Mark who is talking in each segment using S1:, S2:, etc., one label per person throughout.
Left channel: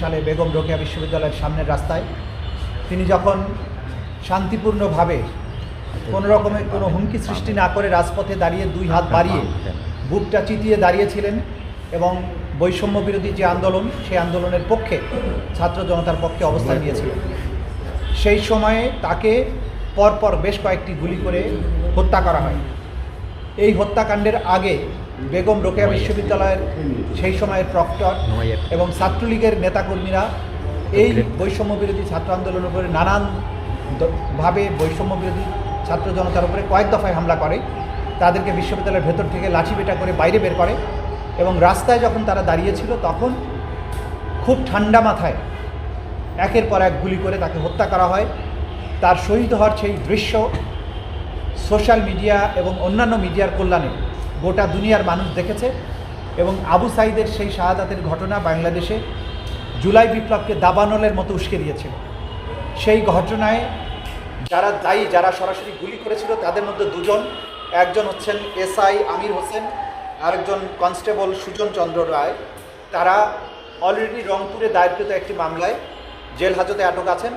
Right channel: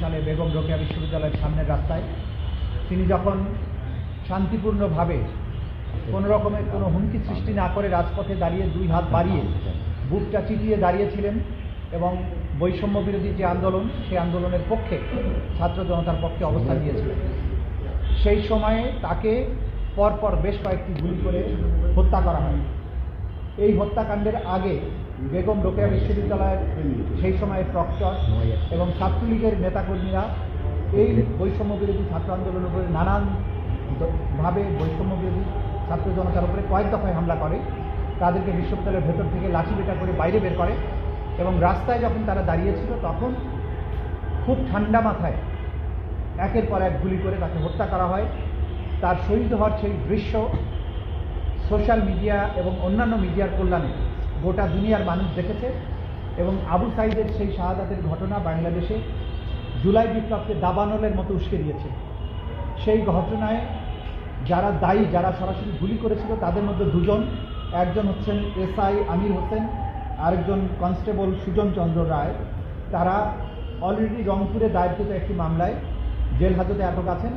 S1: সালে বেগম রোকেয়া বিশ্ববিদ্যালয়ের সামনের রাস্তায় তিনি যখন শান্তিপূর্ণভাবে কোনো রকমের কোনো হুমকি সৃষ্টি না করে রাজপথে দাঁড়িয়ে দুই হাত বাড়িয়ে বুকটা চিতিয়ে দাঁড়িয়েছিলেন এবং বৈষম্য বিরোধী যে আন্দোলন সেই আন্দোলনের পক্ষে ছাত্র জনতার পক্ষে অবস্থান নিয়েছিলেন সেই সময়ে তাকে পরপর বেশ কয়েকটি গুলি করে হত্যা করা হয়। এই হত্যাকাণ্ডের আগে বেগম রোকেয়া বিশ্ববিদ্যালয়ের সেই সময়ের প্রক্টর এবং ছাত্রলীগের নেতাকর্মীরা এই বৈষম্য বিরোধী ছাত্র আন্দোলনের উপরে নানান ভাবে বৈষম্য বিরোধী ছাত্র জনতার উপরে কয়েক দফায় হামলা করে তাদেরকে বিশ্ববিদ্যালয়ের ভেতর থেকে লাঠি পেটা করে বাইরে বের করে এবং রাস্তায় যখন তারা দাঁড়িয়েছিল তখন খুব ঠান্ডা মাথায় একের পর এক গুলি করে তাকে হত্যা করা হয়। তার শহীদ হওয়ার সেই দৃশ্য সোশ্যাল মিডিয়া এবং অন্যান্য মিডিয়ার কল্যাণে গোটা দুনিয়ার মানুষ দেখেছে এবং আবু সাইদের সেই শাহাদাতের ঘটনা বাংলাদেশে জুলাই বিপ্লবকে দাবানলের মতো উস্কে দিয়েছে। সেই ঘটনায় যারা দায়ী, যারা সরাসরি গুলি করেছিল, তাদের মধ্যে দুজন, একজন হচ্ছেন এসআই আমির হোসেন, আরেকজন কনস্টেবল সুজন চন্দ্র রায়। তারা অলরেডি রংপুরে দায়েরকৃত একটি মামলায় জেল হাজতে আটক আছেন।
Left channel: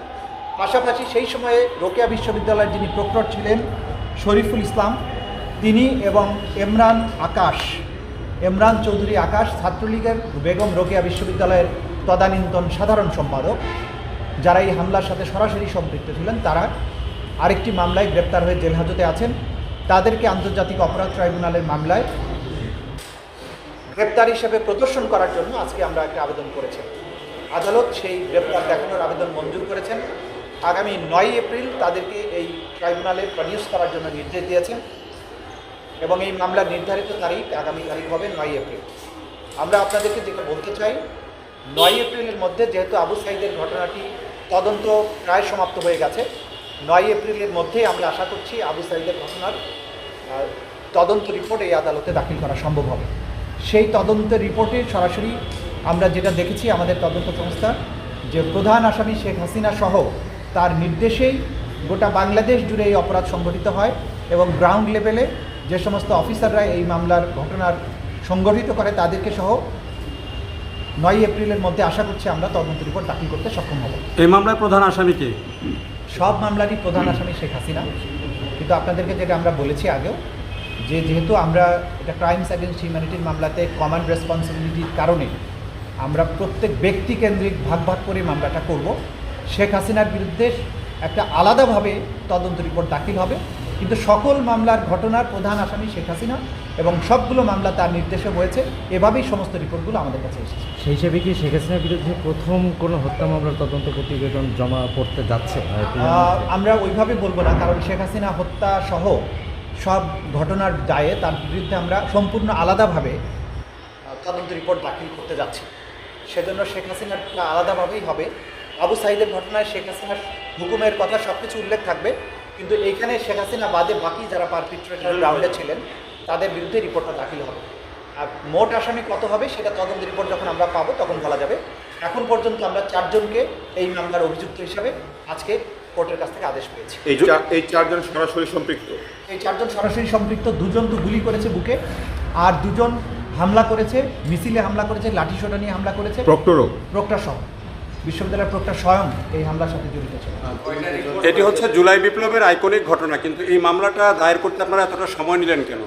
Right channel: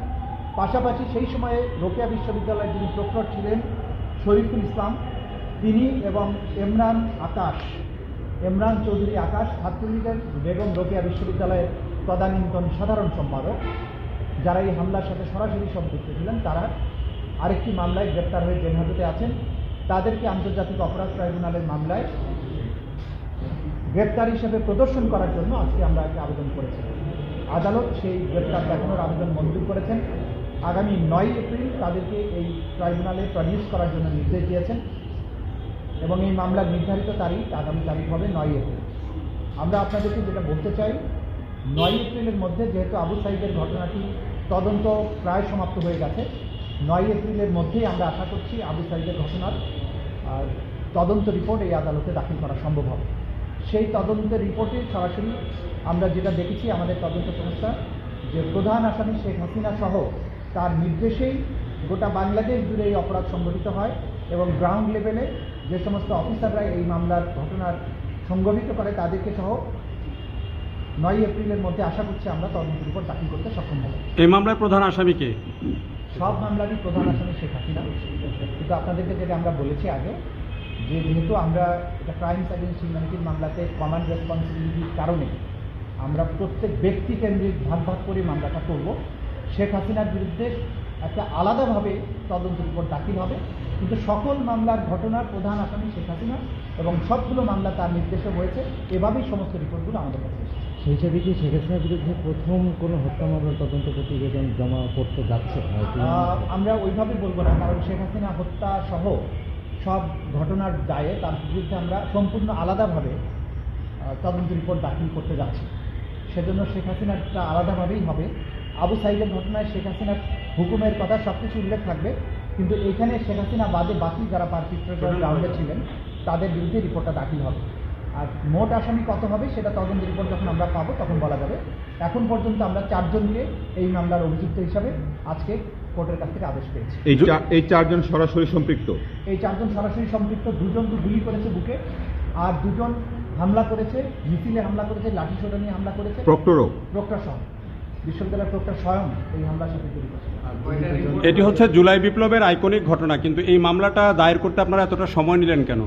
S1: পাশাপাশি সেই সময়ে রোকেয়া বিশ্ববিদ্যালয়ের যিনি প্রক্টর ছিলেন, শরীফুল ইসলাম তিনি এবং এমরান আকাশ। এমরান চৌধুরী আকাশ, ছাত্রলীগের বেগম রোকেয়া বিশ্ববিদ্যালয়ের তদানীন্তন সাধারণ সম্পাদক। যারা এই হামলার সাথে সরাসরি সম্পৃক্ত ছিলেন, তারা আরেকটি মামলায় গ্রেপ্তার হয়ে জেল হাজতে আছেন। তাদেরকে আন্তর্জাতিক অপরাধ ট্রাইব্যুনালের মামলায় গ্রেপ্তার হিসেবে প্রদর্শন করার জন্য আজকে আমরা একটা আবেদন করেছি। আদালত সেই গ্রেপ্তার দেখানোর আবেদন মঞ্জুর করেছেন। আগামী নয় এপ্রিল তাদেরকে এই ট্রাইব্যুনালে প্রডিউস করার জন্য নির্দেশ দিয়েছেন। এবং এই মামলার নির্ধারিত তারিখ আগামী তারিখ হবে নয় এপ্রিল। আমরা আপনাদেরকে যেটা বলতে চাই নয় এপ্রিলের মধ্যে যেহেতু আবু সাইদের ঘটনাটি তদন্ত প্রায় সমাপ্ত হয়ে গেছে নয় এপ্রিলের মধ্যেই আমরা আশা করছি আবু সাইদের ঘটনার তদন্ত রিপোর্ট এই আদালতে দাখিল করা সম্ভব হবে। সেই তদন্তের রিপোর্টে সরাসরি আমরা যেটা দেখেছি আমাদের তদন্ত সংস্থা, যে প্রধান আসামি শেখ হাসিনা সহ তার নির্দেশেই গোটা বাংলাদেশ জুড়ে এই অপরাধ সংঘটিত হয় এবং গ্রাউন্ড লেভেলে যে সমস্ত অফিসাররা এই মামলার ঘটনার সংগঠিত করে তাদেরকে সহ নয় এপ্রিলের মধ্যে আশা করছি আমরা তদন্ত রিপোর্ট দাখিল করতে সক্ষম হব।
S2: এই মামলার প্রধান আসামিকে
S1: সব মামলারই প্রধান আসামি শেখ হাসিনা। কিন্তু আপনাদেরকে যেটা আমরা বলেছি আগেও যে যেহেতু আমরা এটা ক্রাইমস অ্যাগেন্স্ট হিউম্যানিটির মামলাতে কমান্ড রেসপন্সিবিলিটির কারণে আমরা প্রত্যেক ব্যক্তি কেন্দ্রিক ভাগ ভাগ করে মামলাটা করব শেখ হাসিনার বিরুদ্ধে একটা আলাদাভাবে তদন্ত রিপোর্ট দাখিল হবে। কিন্তু সকল মামলার ঘটনার প্রধান আসামি শেখ হাসিনা এবং সবগুলো মামলা তার নির্দেশে হয়েছে। এভাবেই সমস্ত রিপোর্টগুলো আমাদের কাছে এসেছে।
S3: সেই হিসেবে কি শেখ হাসিনার বিরুদ্ধে প্রথম কোনো হত্যা মামলার তদন্ত প্রতিবেদন জমা পড়তে যাচ্ছে
S1: আমরা ওইভাবে বলব না কারণ শেখ হাসিনা হত্যা সহ সব ঘটনার দায়ে তার বিরুদ্ধে আমরা সম্পূর্ণ আলাদাভাবে তদন্ত রিপোর্ট দাখিল করতে যাচ্ছি। সেজন্য শেখ হাসিনারটা আলাদাভাবেই হবে। আবু সাইদের ঘটনায় শেখ হাসিনার হুকুমের কথা সব কিছু উল্লেখ থাকবে। কিন্তু এইখানে শেখ হাসিনা বাদে বাকি যারা পারপিট্রেটার গ্রাউন্ডে ছিলেন তাদের বিরুদ্ধে রিপোর্টটা দাখিল হবে। আর মোট আসামি কত হবে সেটা তদন্ত রিপোর্ট যখন আমরা পাবো তখন বলা যাবে। এখন পর্যন্ত আমরা চারজনকে এই মামলার অভিযুক্ত হিসাবে আজকে কোর্টের কাছ থেকে আদেশ পেয়েছি।
S4: এই চারজন সরাসরি সম্পৃক্ত?
S1: এই চারজন সরাসরি সম্পৃক্ত দুজন তো গুলি করেছে বুকে আর দুজন হামলা করেছে মিছিলে হামলা করেছে লাঠি সোটা নিয়ে হামলা করেছে।
S4: প্রক্টরও?
S1: প্রক্টর সহ বিশ্ববিদ্যালয়ের প্রক্টর স্বয়ং এই হামলার সাথে জড়িত ছিল।
S2: এটি হচ্ছে জুলাই বিপ্লবের আইকনিক ঘটনা কিন্তু এই মামলাটা দায়ের করতে আপনারা এতটা সময় নিলেন কেন?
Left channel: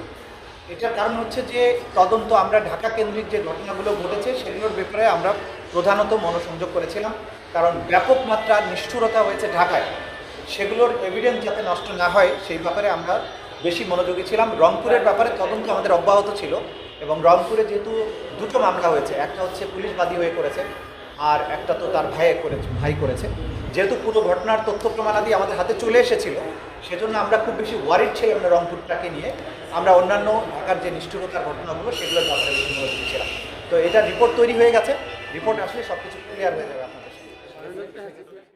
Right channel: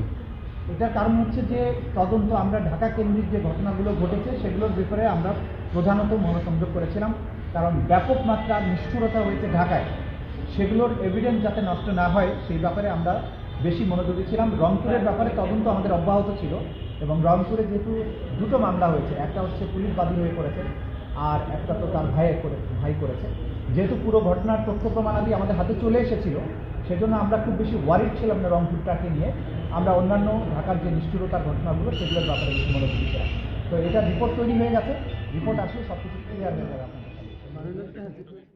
S1: এটার কারণ হচ্ছে যে তদন্ত আমরা ঢাকা কেন্দ্রিক যে ঘটনাগুলো ঘটেছে সেগুলোর ব্যাপারে আমরা প্রধানত মনোসংযোগ করেছিলাম কারণ ব্যাপক মাত্রার নিষ্ঠুরতা হয়েছে ঢাকায়। সেগুলোর এভিডেন্স যাতে নষ্ট না হয় সেই ব্যাপারে আমরা বেশি মনোযোগী ছিলাম। রংপুরের ব্যাপারে তদন্ত আমাদের অব্যাহত ছিল এবং রংপুরে যেহেতু দুটো মামলা হয়েছে একটা হচ্ছে পুলিশ বাদী হয়ে করেছে আর একটা তো তার ভাই করেছে ভাই করেছে। যেহেতু পুরো ঘটনার তথ্য প্রমাণাদি আমাদের হাতে চলে এসেছিল, সেজন্য আমরা খুব বেশি ওয়ারিড ছিলাম না রংপুরটাকে নিয়ে। আমরা অন্যান্য ঢাকার যে নিষ্ঠুরতার ঘটনাগুলো সেগুলোর ব্যাপারে বেশি মনোযোগ ছিলাম তো এটা রিপোর্ট তৈরি হয়ে গেছে। রিপোর্ট আসলে সব কিছু ক্লিয়ার হয়ে যাবে আপনাদের সামনে।